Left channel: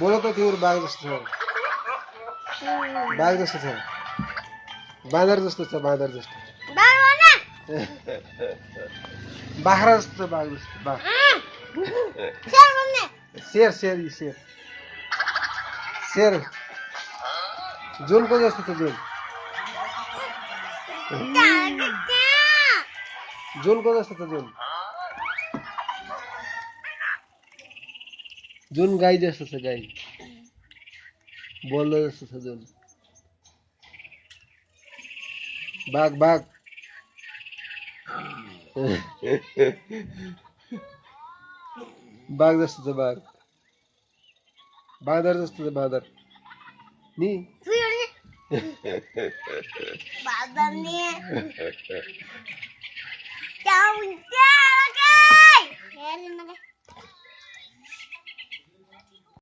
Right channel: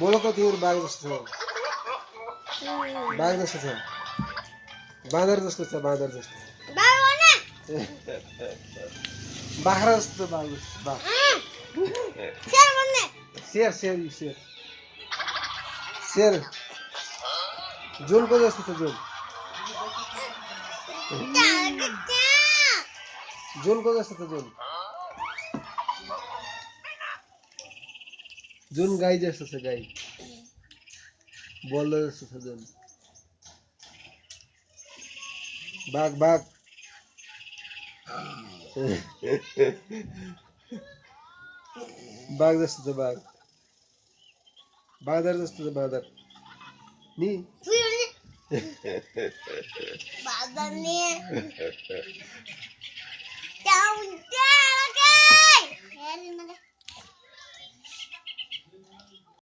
बोलो त तिम्रो बाघ जस्तो छ बाघ जस्तो छ बाँदर जस्तो छ बाँदर जस्तो बाख्रा जस्तो छ बाघ जस्तो बाघ शेर शेर यी शेर शेर जुनको जस्तो छ जुनको जस्तो छ जुन गाई जस्तो छ गाई बोल्दो जस्तो छ जुन बाघ बाघ बाघ जस्तो छ बाघ बाँदर जस्तो छ बाँदर नि बाँदर